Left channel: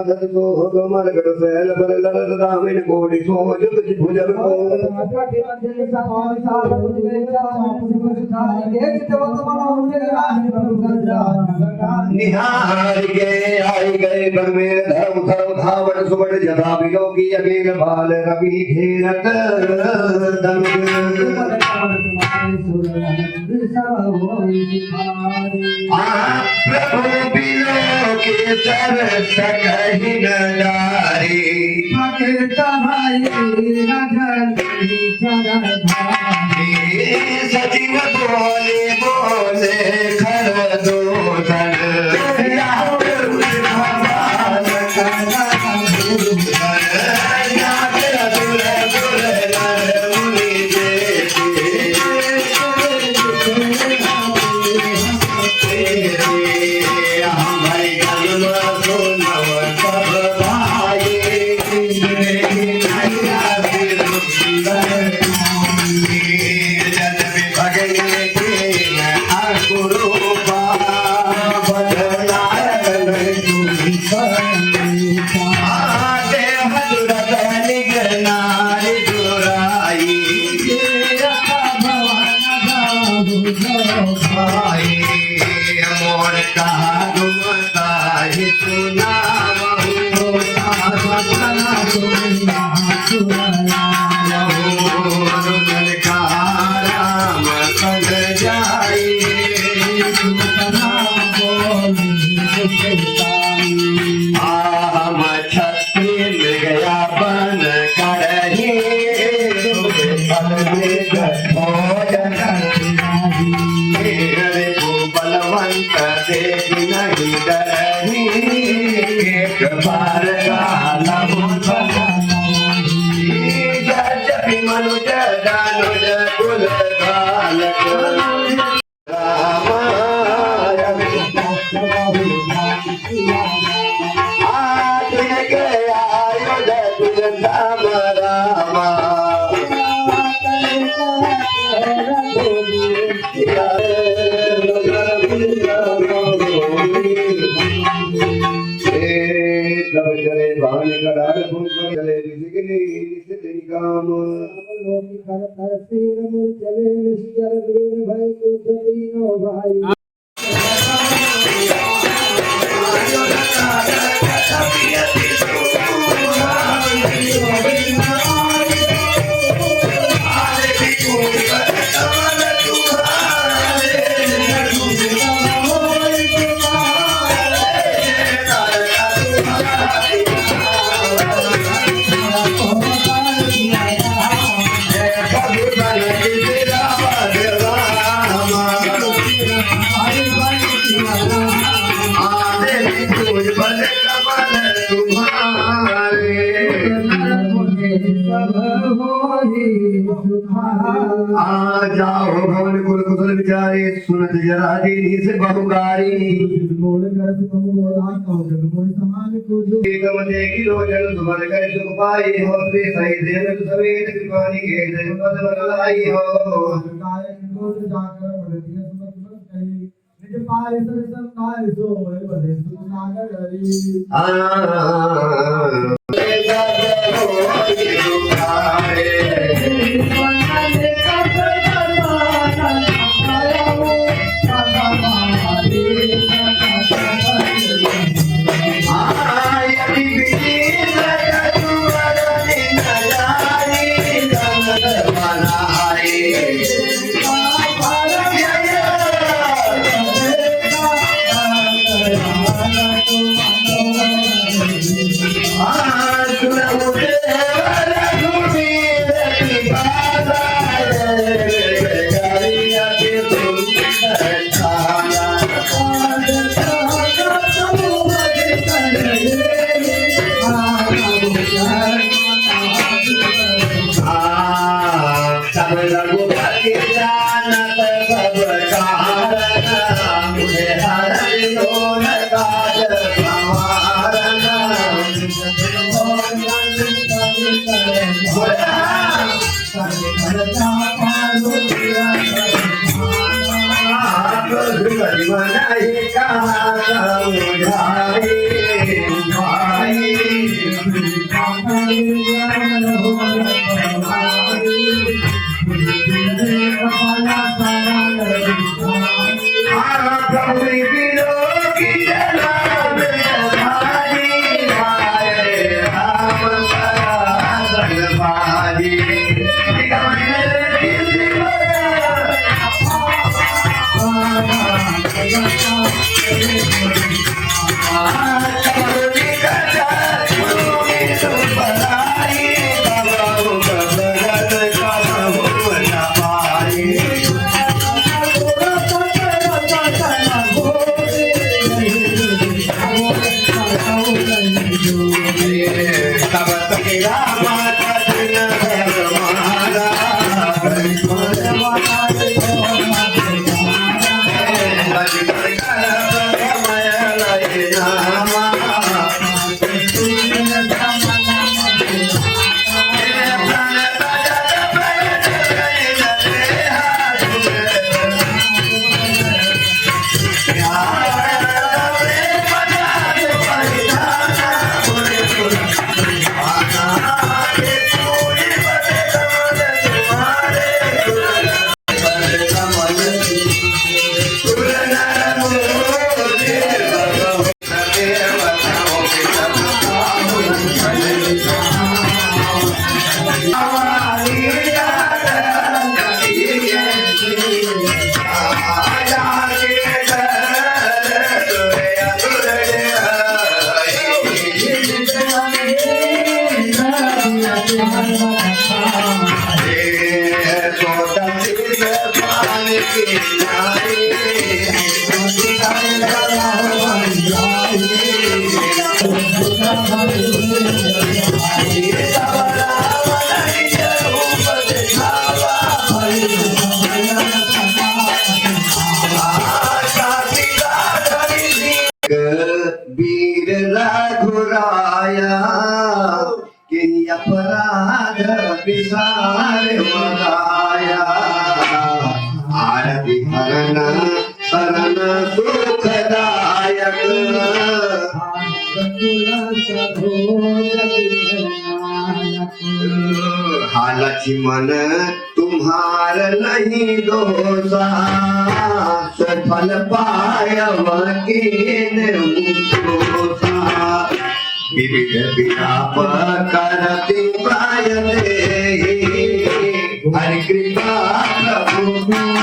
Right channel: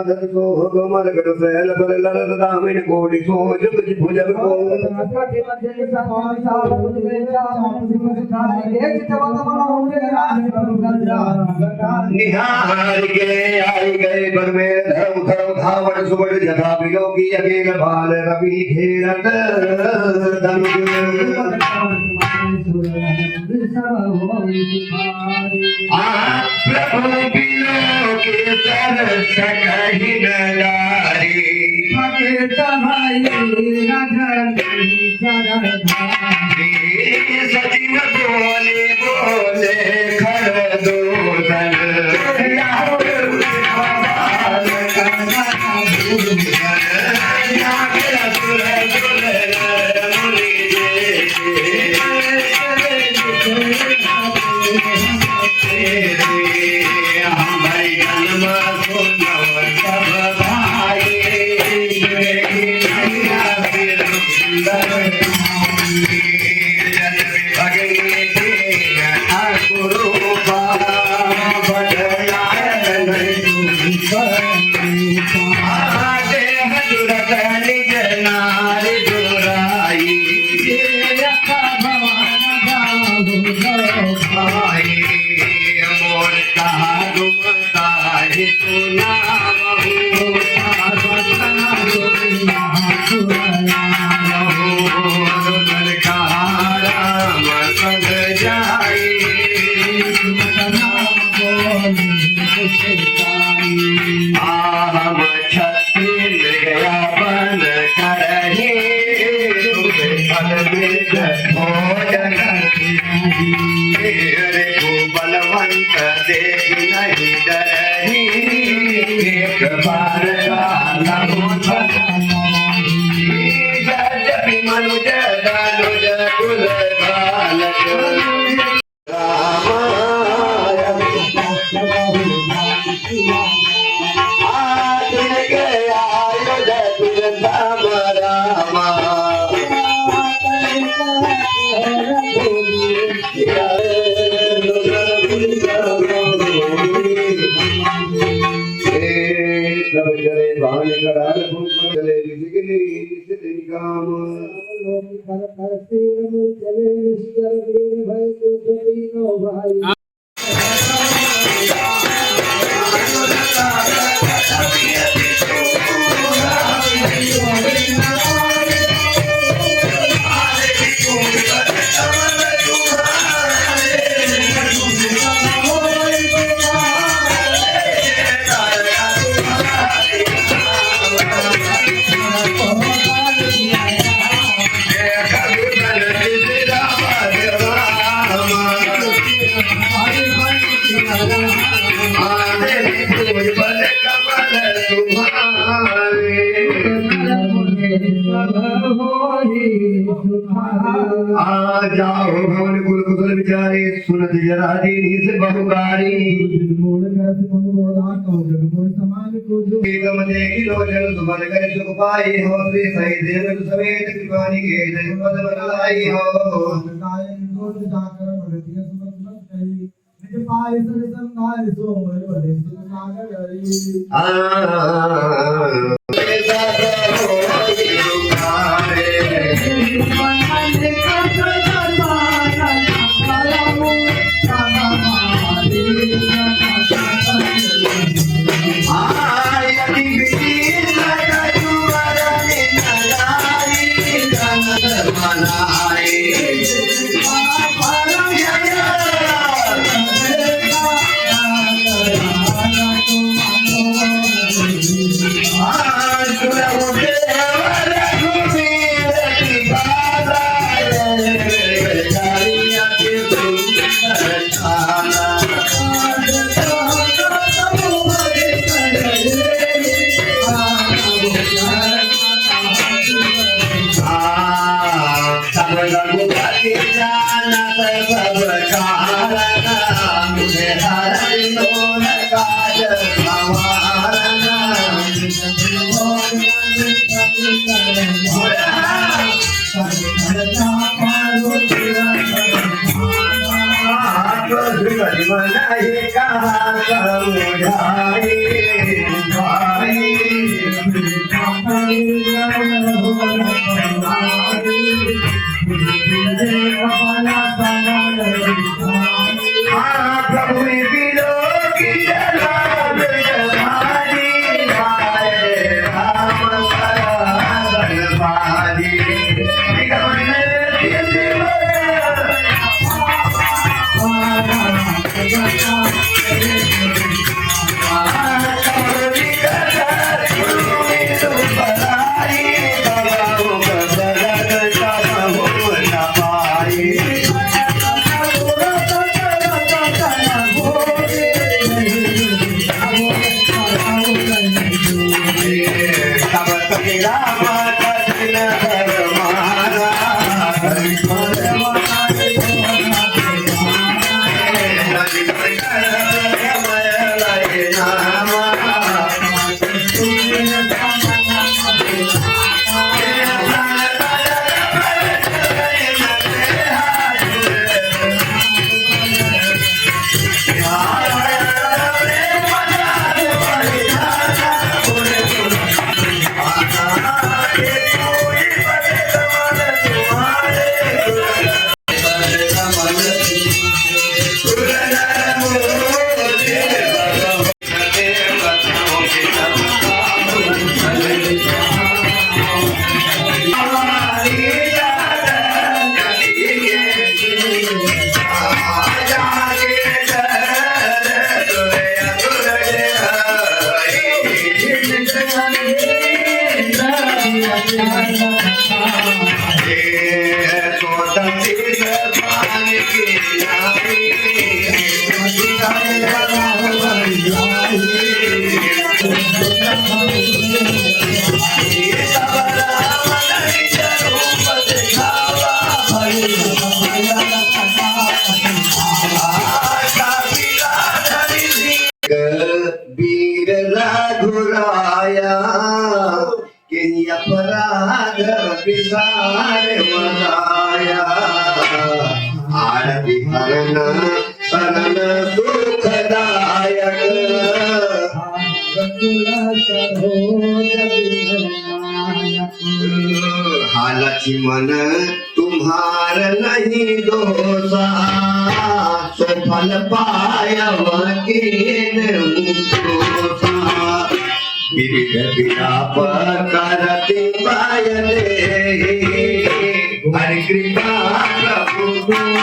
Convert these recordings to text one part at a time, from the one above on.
माधत सो कमल कर सैल बर ललत दामिन कोटि सो जुग भुजग को निहार के आई गए बर में धर्म धर्म धावण सुबड़ जथा विलोकी अकेल बाल रवि घेरत दम प्रभु बिलोके तरस कहि न नारी सचिव बोले बोले खड़ दो बलवंत देख नहीं डरही मनुज दानुज कुल बालक आज गया राम रामा चले भान करार भूल चले जिगनी सिद्धि काम लोक कर कर सिर मुर चले निश्चर वीर भय को तीनो भाई जाओ भवन कुल कुशल विचारे सुनत जरा दीनी से बहुगारी एकम देखी लोचन सुमन कर सुख पाई हो श्री सही देव सवेत कृपानी के जय पद लाई हो मनाई का समुझाए प्रभु बिलो की घुराया कि अपराध विसार मनाया आरती हरण शरण दुखदायक हालची मन तुम्हार नहीं दोषा सफल पाया विविध विलाप करते पायले हरि कृपा प्रभु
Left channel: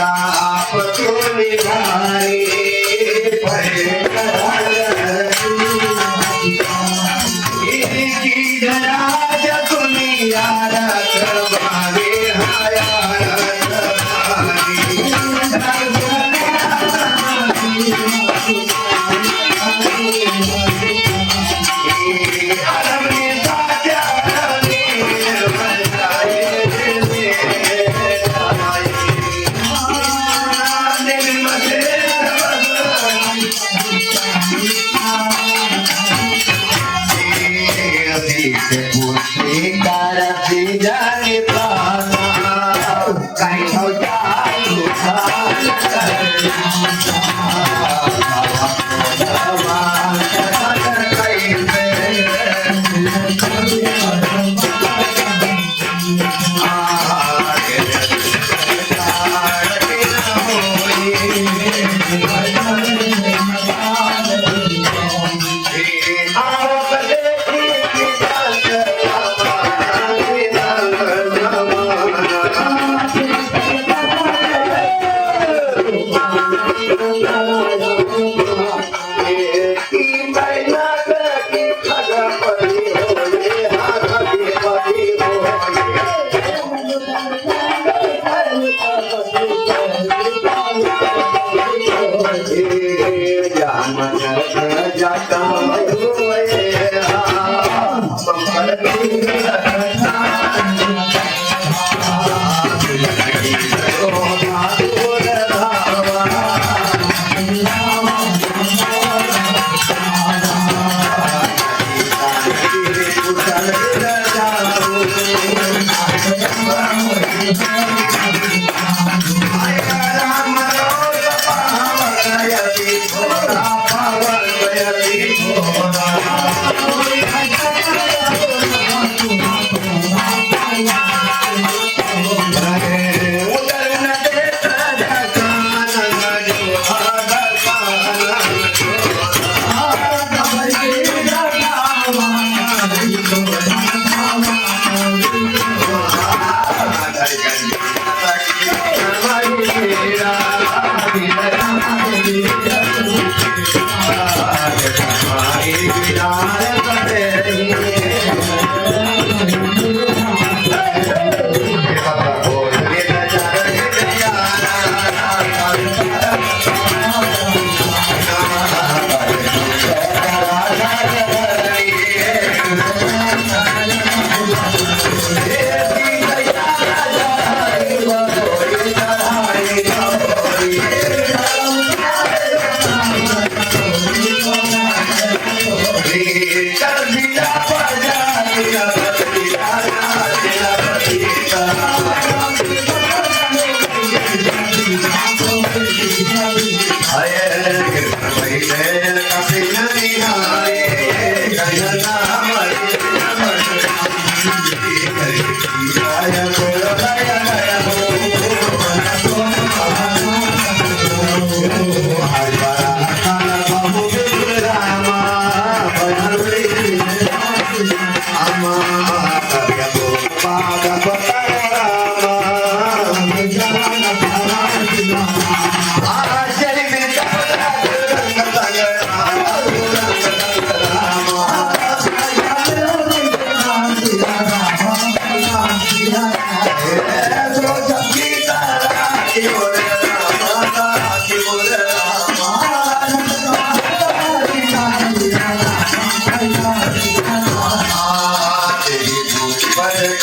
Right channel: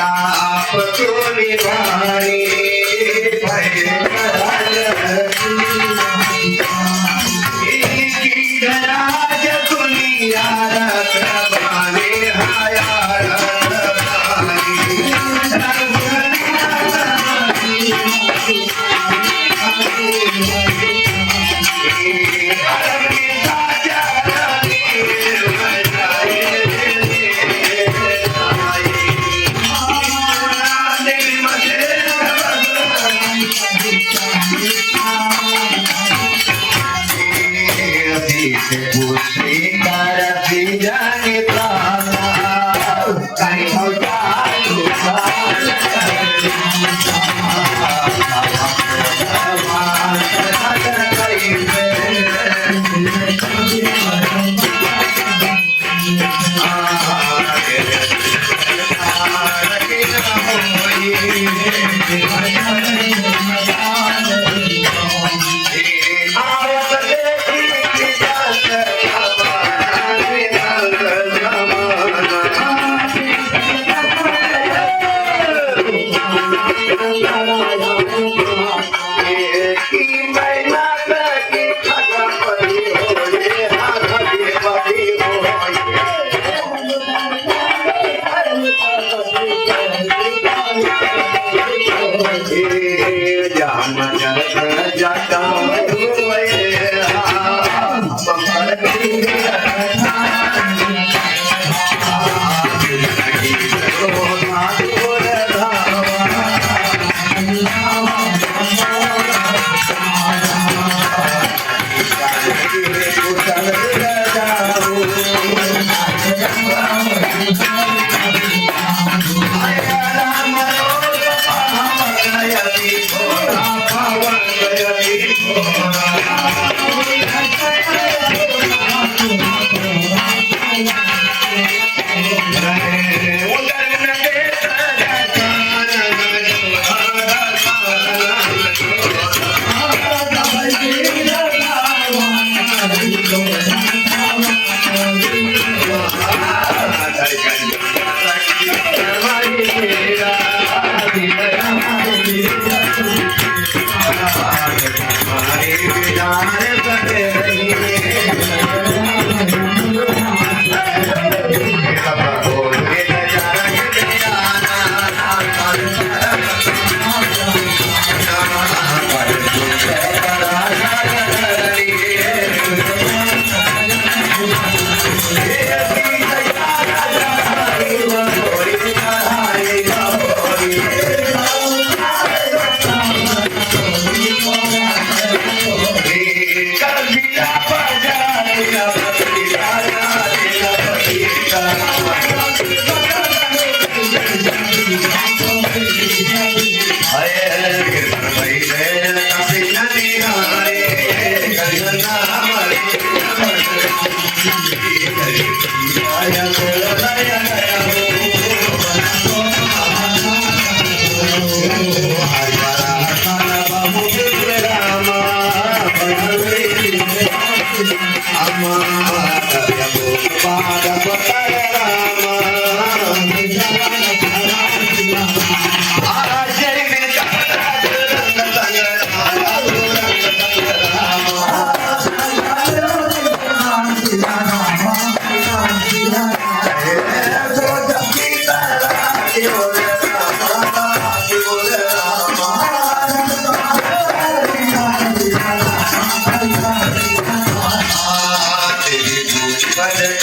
आप तो निभाए राज दुनिया कुशल जाओ राम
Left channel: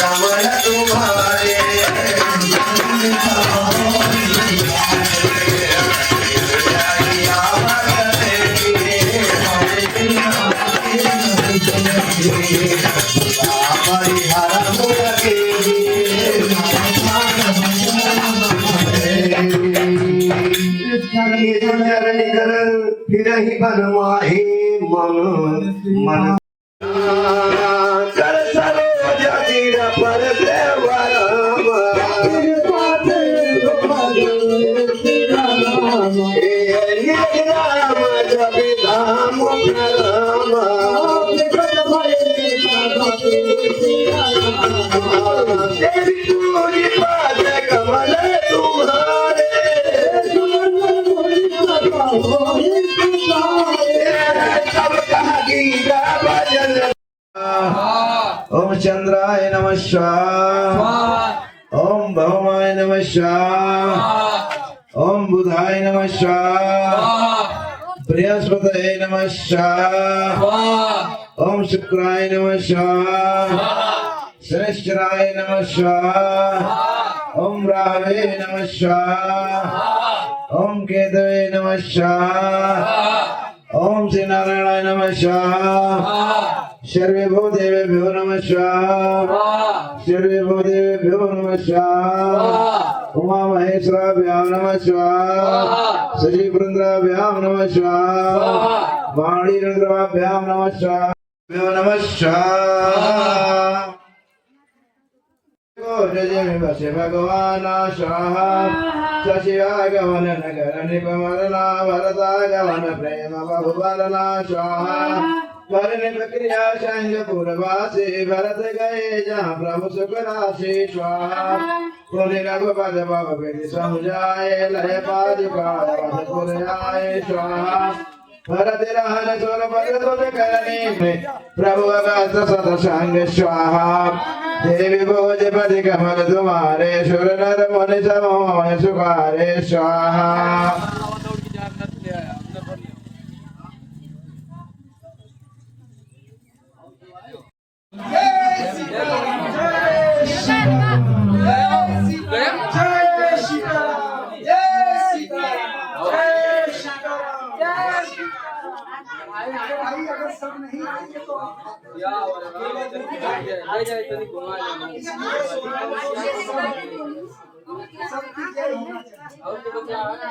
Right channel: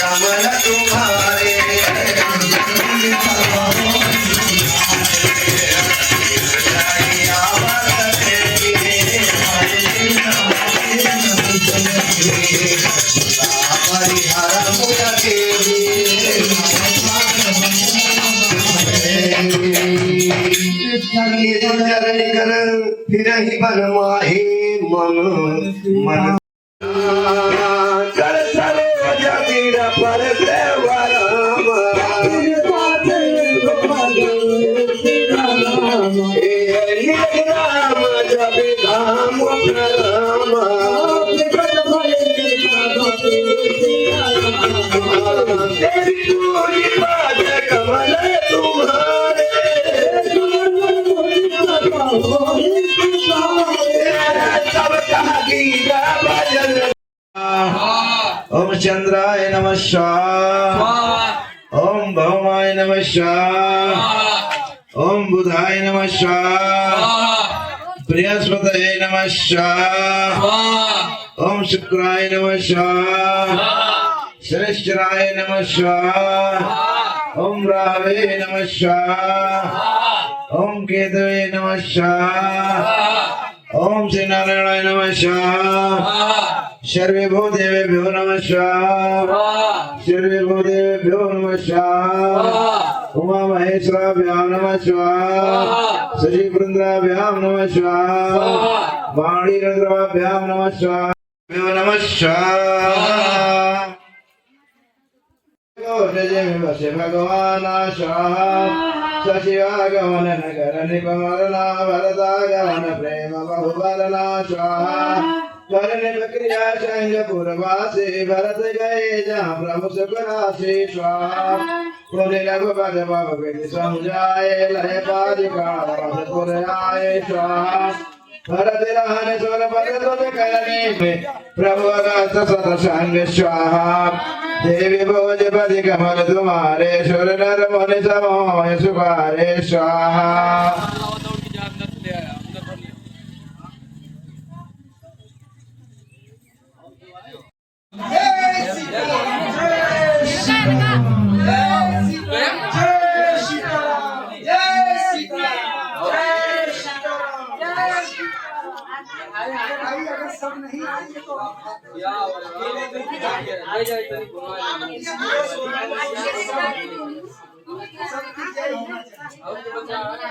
कमल तुम्हारे फिर ही बनवाहे मन मन कर सरोज गिर पर देवराम राम जब धाम राम देवी पूरी पाद कमल तुम्हारे सब कहा गीता भजन। ओम चंद्राय नमः स्वाहा ओम भौमाय नमः स्वाहा ओम बुधाय नमः स्वाहा बृहस्पतये नमः स्वाहा ओम शुक्राय नमः स्वाहा शनिश्चराय नमः स्वाहा ओम राहवे नमः स्वाहा ओम केतवे नमः स्वाहा ओम श्री नारायणाय नमः स्वाहा सर्वे भूदेवेभ्यो नमः स्वाहा सर्वे भूदेवेभ्यो नमः स्वाहा उमा महेश्वराभ्यां नमः स्वाहा श्री पुरंदराभ्यां नमः स्वाहा वाणी रुद्राभ्यां नमः स्वाहा नमः स्वाहा जय में बसे भगवान स्वाहा सशिवागमन नगर निपमरना भरतागमन प्रेम बहुबलना स्वाहा करने प्रक्रिया संग पूर्वासे भरत गए जहाँ प्रभु सुखराशि स्वाहा पुण्य रघुपद भव विधि समुझाए लय पादुका पुर आए स्वाहा भरत रहन सोन पद तुझ करने में प्रभु अगस्त सत संग स्वाहा देवी भोजपति कमल तुम्हारे सुर नर मुनि समोह सुखारे स्वाहा। भाई अगर सब नहीं आएंगे तो सबकी जय होना चाहिए।